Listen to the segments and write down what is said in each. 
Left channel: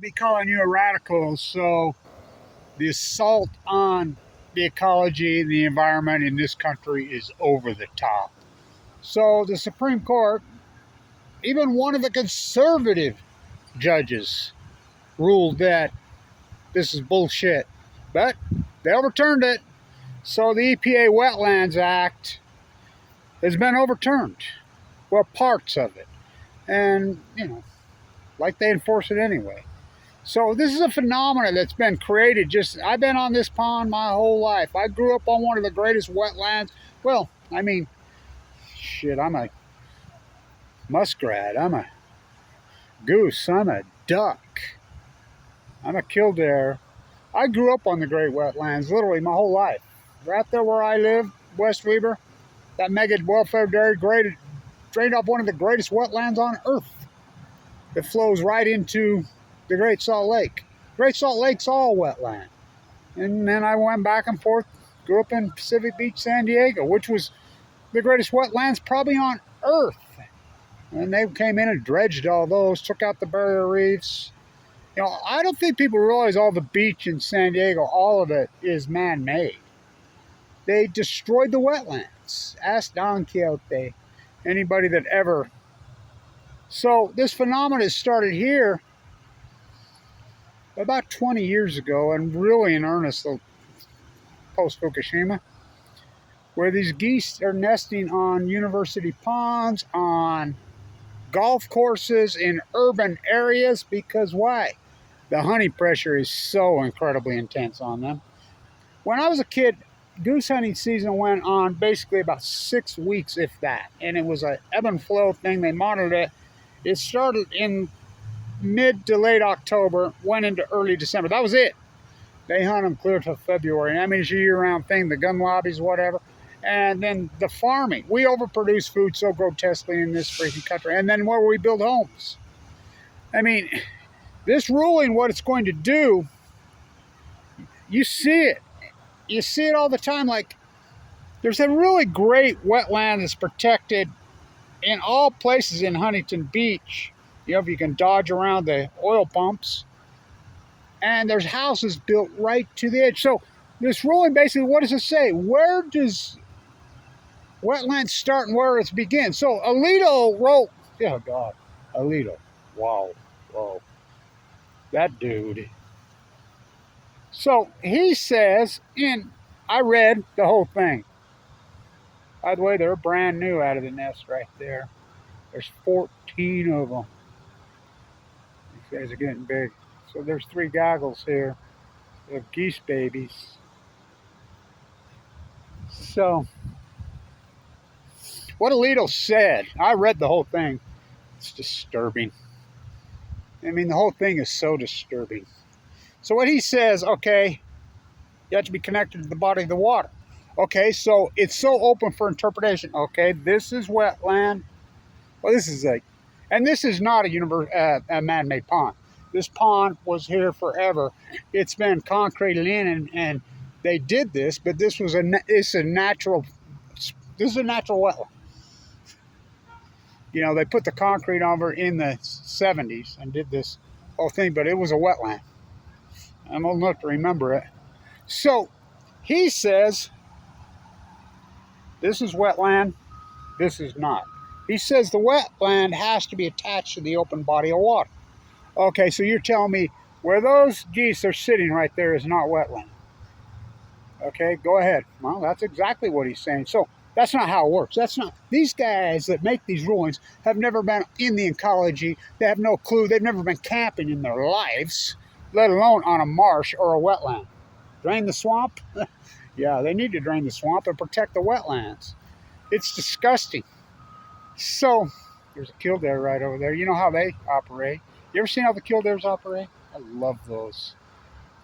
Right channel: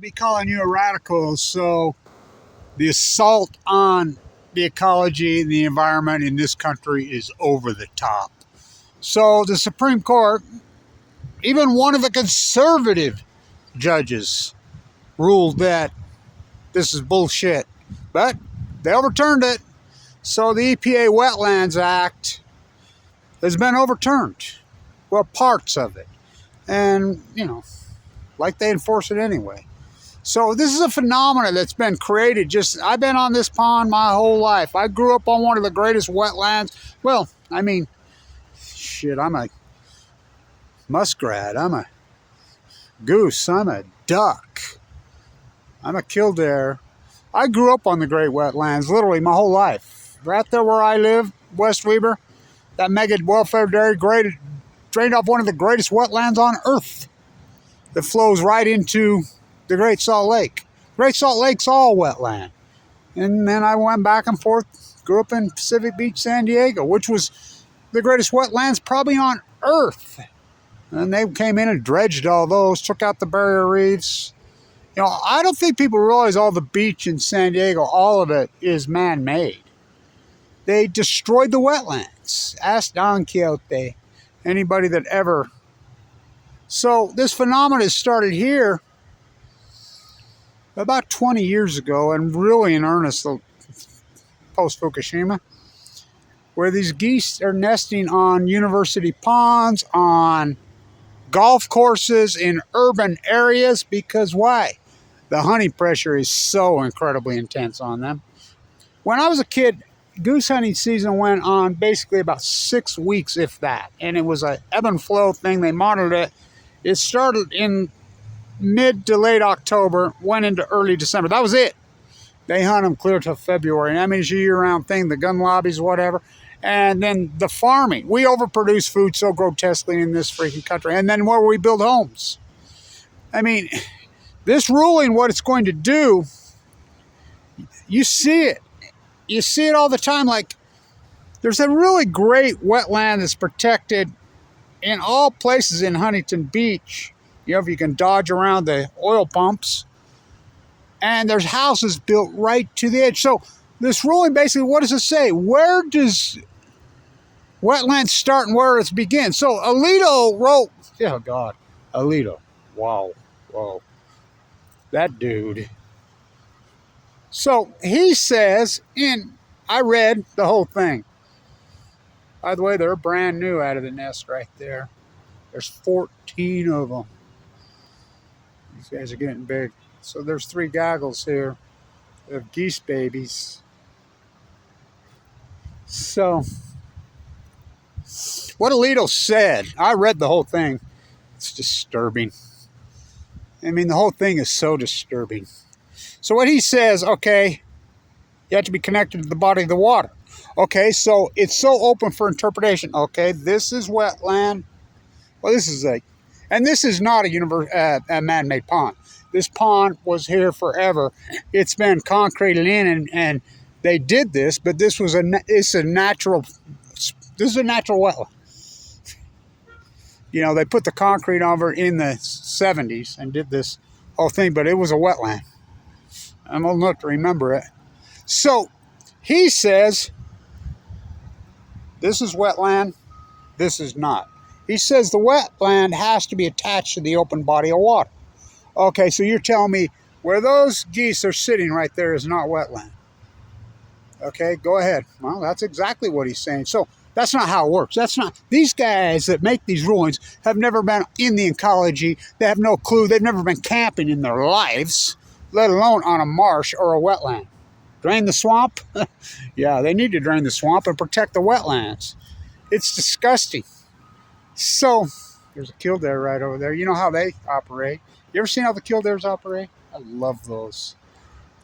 I'll be calling you a radical. So the assault on the ecology and the environment in this country is over the top. So the Supreme Court, even one of the conservative judges, ruled that this is bullshit. But they overturned it. So the EPA Wetlands Act has been overturned. Well, parts of it. And, like they enforce it anyway. So this is a phenomenon that's been created. I've been on this pond my whole life. I grew up on one of the greatest wetlands. Well, shit, I'm a muskrat. I'm a goose. I'm a duck. I'm a killdeer. I grew up on the great wetlands literally my whole life. Right there where I live, West Weber, that mega welfare dairy drained off one of the greatest wetlands on earth. That flows right into the Great Salt Lake. Great Salt Lake's all wetland. And then I went back and forth, grew up in Pacific Beach, San Diego, which was the greatest wetlands probably on earth. And they came in and dredged all those, took out the barrier reefs. I don't think people realize all the beach in San Diego, all of it is man-made. They destroyed the wetlands. Ask Don Quixote, anybody that ever. So this phenomenon started here about 20 years ago, and really in earnest post-Fukushima, where these geese are nesting on university ponds, on golf courses, in urban areas. Because why? The honey pressure is so incredibly intense on them. When I was a kid, goose hunting season went on basically about 6 weeks, if that. And it was an ebb and flow thing. They monitored it. It started in mid to late October, went into early December. That was it. They hunt them clear till February. And it's a year-round thing, the gun lobbies, whatever. And then the farming. We overproduce food so grotesquely in this freaking country. And then where we build homes. This ruling, what it's going to do, you see it. You see it all the time. Like, there's a really great wetland that's protected in all places in Huntington Beach. If you can dodge around the oil pumps. And there's houses built right to the edge. So this ruling, basically, what does it say? Where does wetlands start and where it begins? So Alito wrote, oh God, Alito, wow, that dude. So he says, I read the whole thing. By the way, they're brand new out of the nest right there. There's 14 of them. These guys are getting big. So there's 3 goggles here of geese babies. So what Alito said, I read the whole thing. It's disturbing. The whole thing is so disturbing. So what he says, okay, you have to be connected to the body of the water. Okay, so it's so open for interpretation. Okay, this is wetland. Well, this is and this is not a man-made pond. This pond was here forever. It's been concreted in, and they did this, but this is a natural wetland. They put the concrete over in the 70s and did this whole thing, but it was a wetland. I'm old enough to remember it. So he says, this is wetland, this is not. He says the wetland has to be attached to the open body of water. Okay, so you're telling me where those geese are sitting right there is not wetland. Okay, go ahead. Well, that's exactly what he's saying. So that's not how it works. These guys that make these rulings have never been in the ecology. They have no clue. They've never been camping in their lives, let alone on a marsh or a wetland. Drain the swamp? Yeah, they need to drain the swamp and protect the wetlands. It's disgusting. So there's a killdeer right over there. You know how they operate. You ever seen how the killdeers operate? I love those.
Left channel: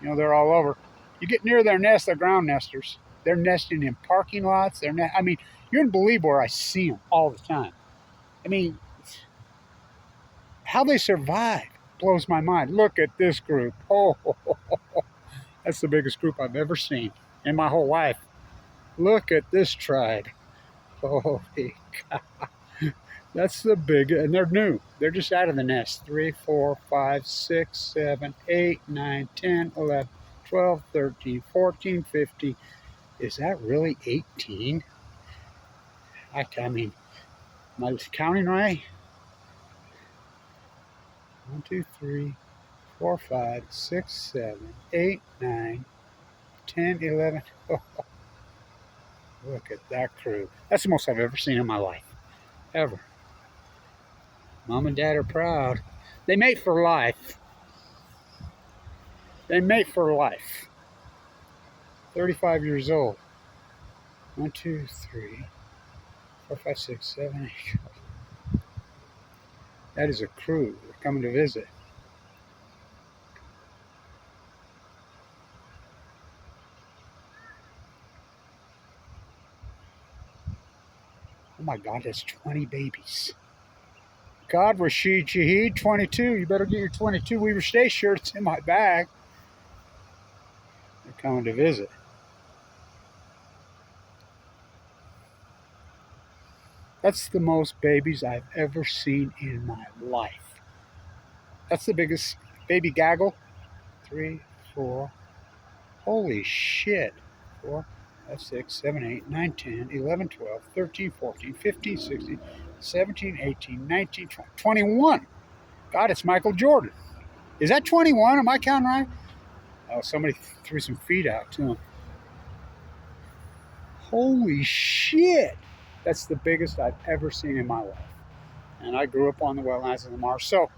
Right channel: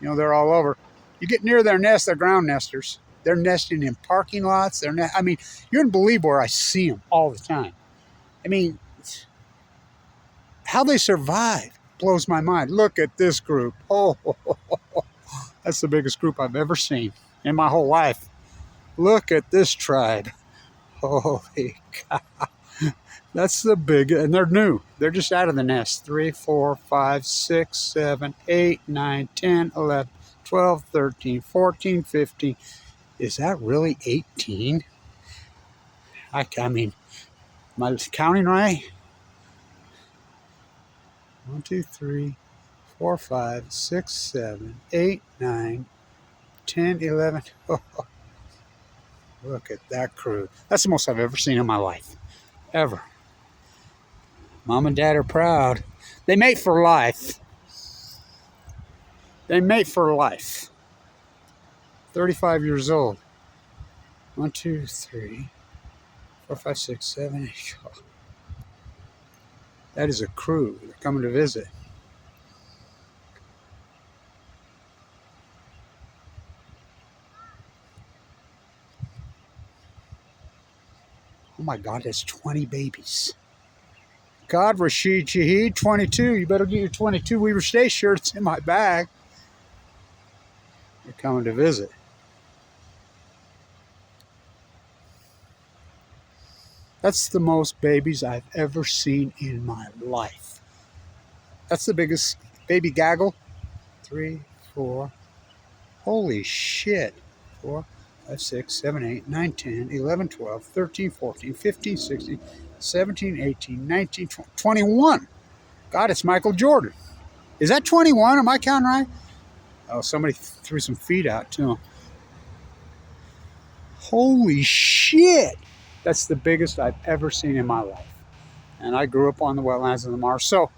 They're all over. You get near their nest, they're ground nesters. They're nesting in parking lots. You wouldn't believe where I see them all the time. How they survive blows my mind. Look at this group. Oh, that's the biggest group I've ever seen in my whole life. Look at this tribe. Holy God. That's the big, and they're new. They're just out of the nest. 3, 4, 5, 6, 7, 8, 9, 10, 11, 12, 13, 14, 15. Is that really 18? I mean, am I counting right? 1, 2, 3, 4, 5, 6, 7, 8, 9, 10, 11. Oh, look at that crew. That's the most I've ever seen in my life. Ever. Mom and Dad are proud. They mate for life. They mate for life. 35 years old. 1, 2, 3, 4, 5, 6, 7, 8. That is a crew. They're coming to visit. Oh my God, that's 20 babies. God, Rashid Shaheed, 22. You better get your 22 Weaver Stay shirts in my bag. They're coming to visit. That's the most babies I've ever seen in my life. That's the biggest baby gaggle. 3, 4. Holy shit. 4, 5, 6, 7, 8, 9, 10, 11, 12, 13, 14, 15, 16, 17, 18, 19, 20, 21. God, it's Michael Jordan. Is that 21? Am I counting right? Oh, somebody threw some feet out to him. Holy shit. That's the biggest I've ever seen in my life. And I grew up on the wetlands of the Mars. So,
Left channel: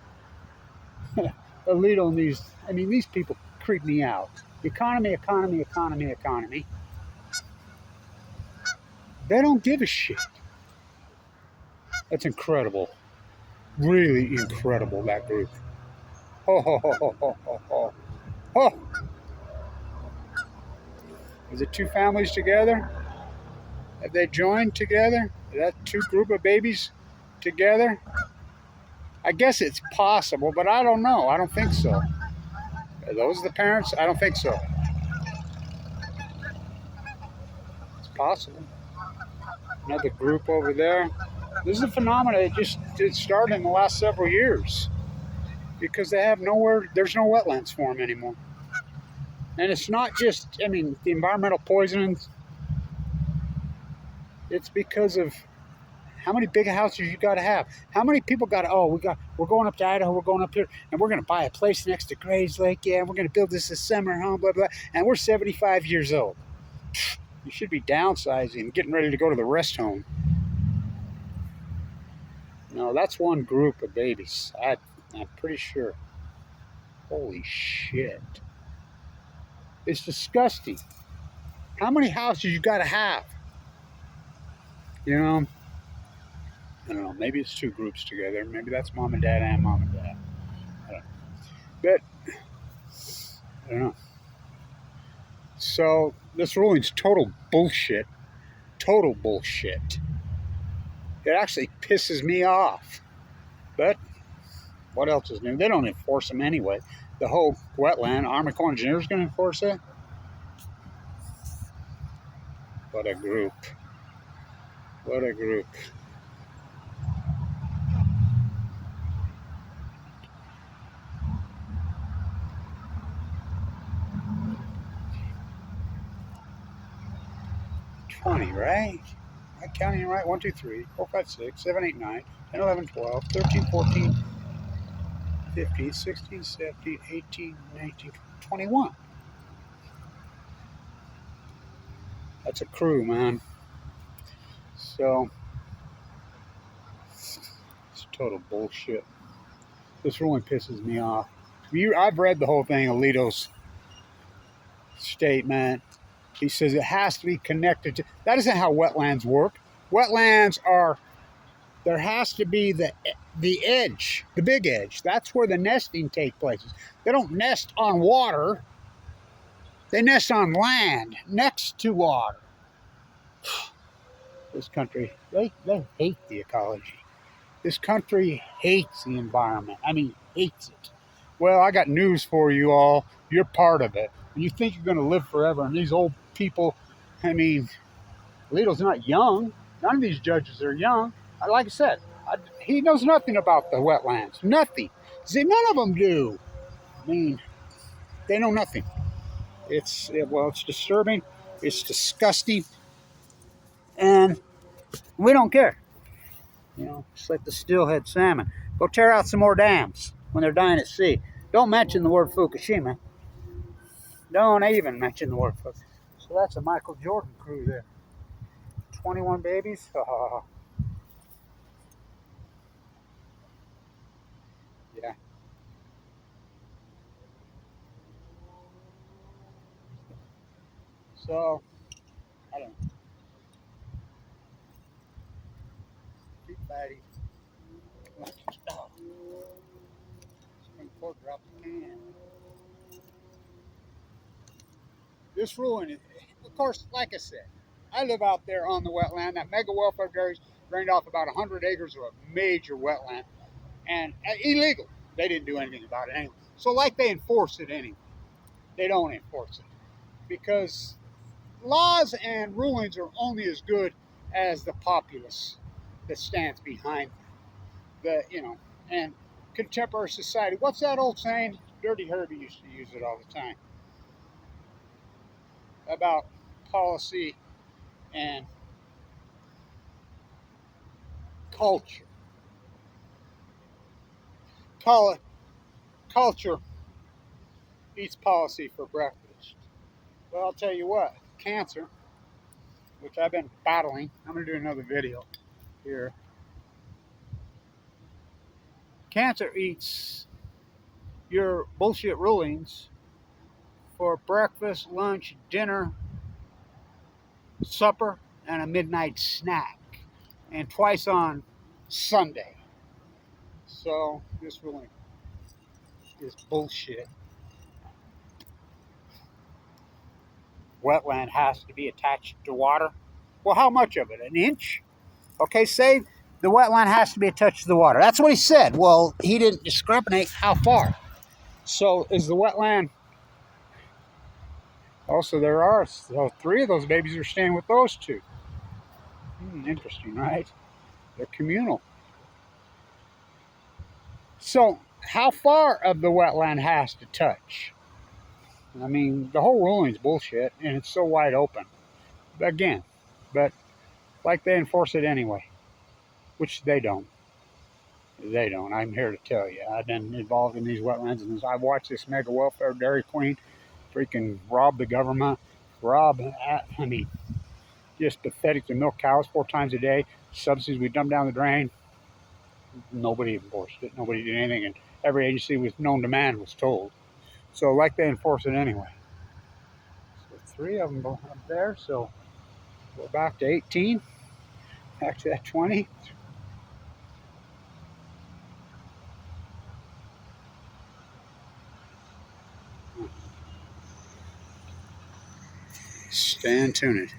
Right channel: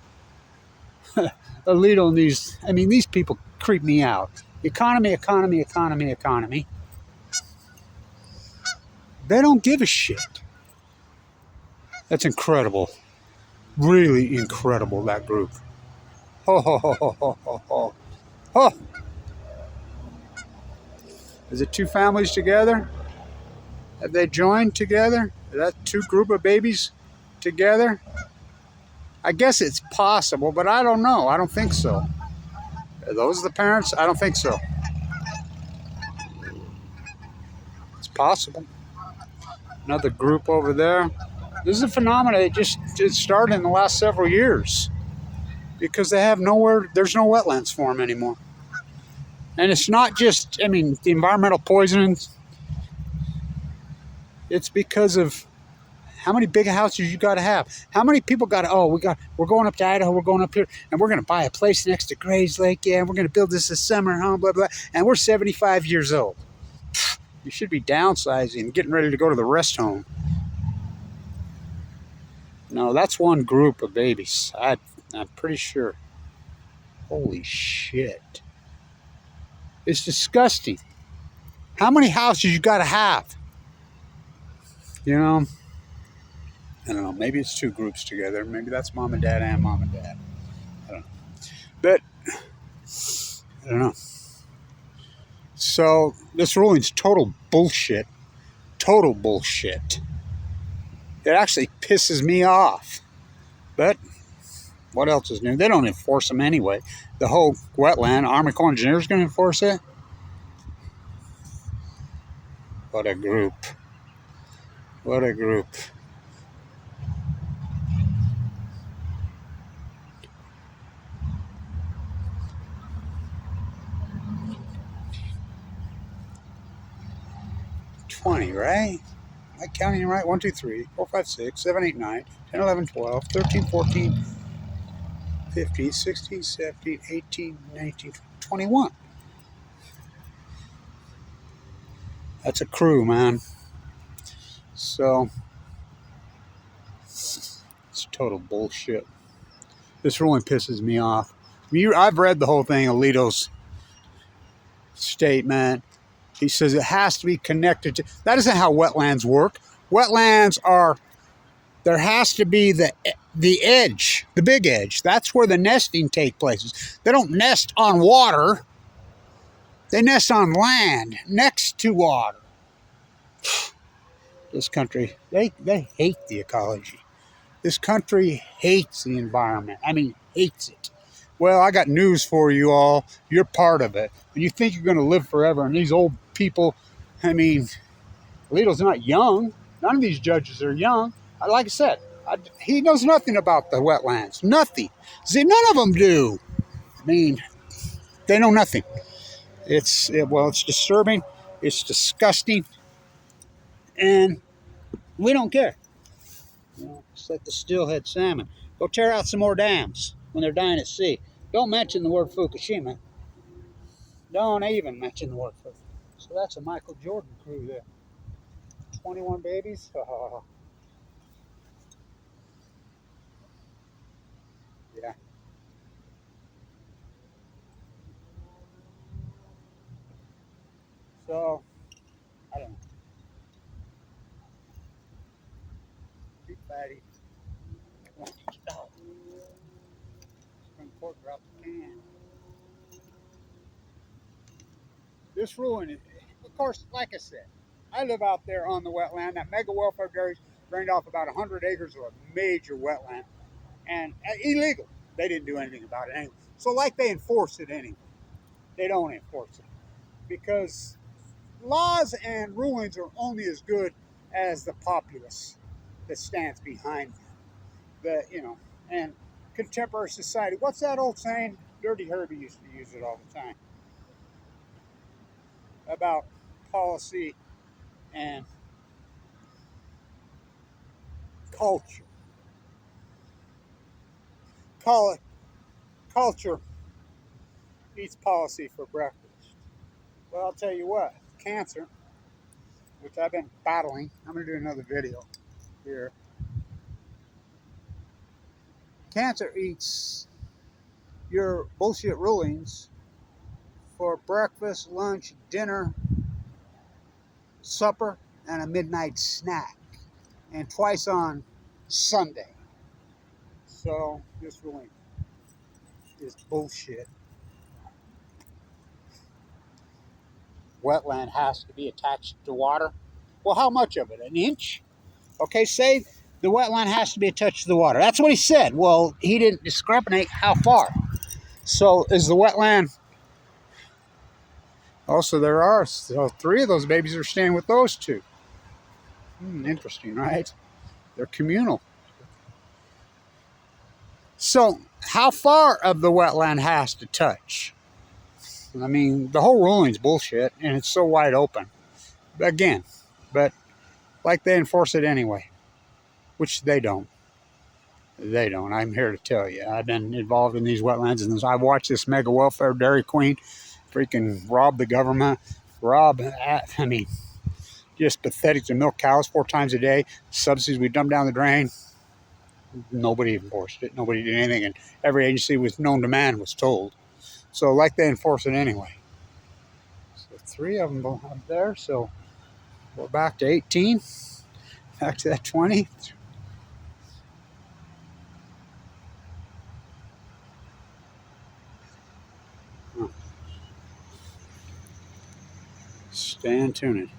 Alito and these people creep me out. Economy. They don't give a shit. That's incredible. Really incredible, that group. Ho, ho, ho, ho, ho, ho, ho. Ho. Is it two families together? Have they joined together? Is that two group of babies together? I guess it's possible, but I don't know. I don't think so. Are those the parents? I don't think so. It's possible. Another group over there. This is a phenomenon that it started in the last several years because they have nowhere, there's no wetlands for them anymore. And it's not just, the environmental poisoning. It's because of how many big houses you got to have. How many people got to, we're going up to Idaho, we're going up here, and we're going to buy a place next to Grays Lake. Yeah, we're going to build this summer home, blah, blah. And we're 75 years old. You should be downsizing, getting ready to go to the rest home. No, that's one group of babies. I'm pretty sure. Holy shit. It's disgusting. How many houses you got to have? You know, I don't know. Maybe it's two groups together. Maybe that's mom and dad and mom and dad. I don't know. But, I don't know. So, this ruling's total bullshit. Total bullshit. It actually pisses me off. But, what else is new? They don't enforce them anyway. The whole wetland, Army Corps of Engineers going to enforce it? What a group. What a group. Right? Am I counting right? 1, 2, 3, 4, 5, 6, 7, 8, 9, 10, 11, 12, 13, 14, 15, 16, 17, 18, 19, 21. That's a crew, man. So, it's total bullshit. This ruling pisses me off. I've read the whole thing, Alito's statement. He says it has to be connected to... That isn't how wetlands work. Wetlands are... There has to be the edge, the big edge. That's where the nesting takes place. They don't nest on water. They nest on land, next to water. This country, they hate the ecology. This country hates the environment. Hates it. Well, I got news for you all. You're part of it. And you think you're going to live forever. And these old people, Alito's not young. None of these judges are young. Like I said, He knows nothing about the wetlands. Nothing. See, none of them do. I mean, they know nothing. Well, it's disturbing. It's disgusting, and we don't care. You know, it's like the steelhead salmon. Go tear out some more dams when they're dying at sea. Don't mention the word Fukushima. Don't even mention the word Fukushima. So that's a Michael Jordan crew there. 21 babies. Yeah. So, I don't know. Big fatty. Oh, Supreme Court dropped the can. This ruling, of course, like I said, I live out there on the wetland. That mega welfare dairies drained off about 100 acres of a major wetland, and illegal. They didn't do anything about it anyway. So, like, they enforce it anyway. They don't enforce it because laws and rulings are only as good as the populace that stands behind them. And contemporary society. What's that old saying? Dirty Herbie used to use it all the time about policy and culture. Call it culture eats policy for breakfast. Well, I'll tell you what, cancer, which I've been battling, I'm going to do another video here. Cancer eats your bullshit rulings for breakfast, lunch, dinner, supper, and a midnight snack, and twice on Sunday. So this ruling is bullshit. Wetland has to be attached to water. Well, how much of it? An inch? Okay, say the wetland has to be attached to the water. That's what he said. Well, he didn't discriminate how far. So is the wetland? Also, there are three of those babies are staying with those two. Interesting, right? They're communal. So, how far of the wetland has to touch? I mean, the whole ruling's bullshit, and it's so wide open. Again, but like they enforce it anyway, which they don't. They don't. I'm here to tell you. I've been involved in these wetlands, and I've watched this mega welfare dairy queen freaking rob the government. I mean, just pathetic to milk cows 4 times a day. Subsidies we dump down the drain. Nobody enforced it. Nobody did anything, and every agency with known demand was told. So, like, they enforce it anyway. So 3 of them up there. So we're back to 18. Back to that 20. Stand tuned.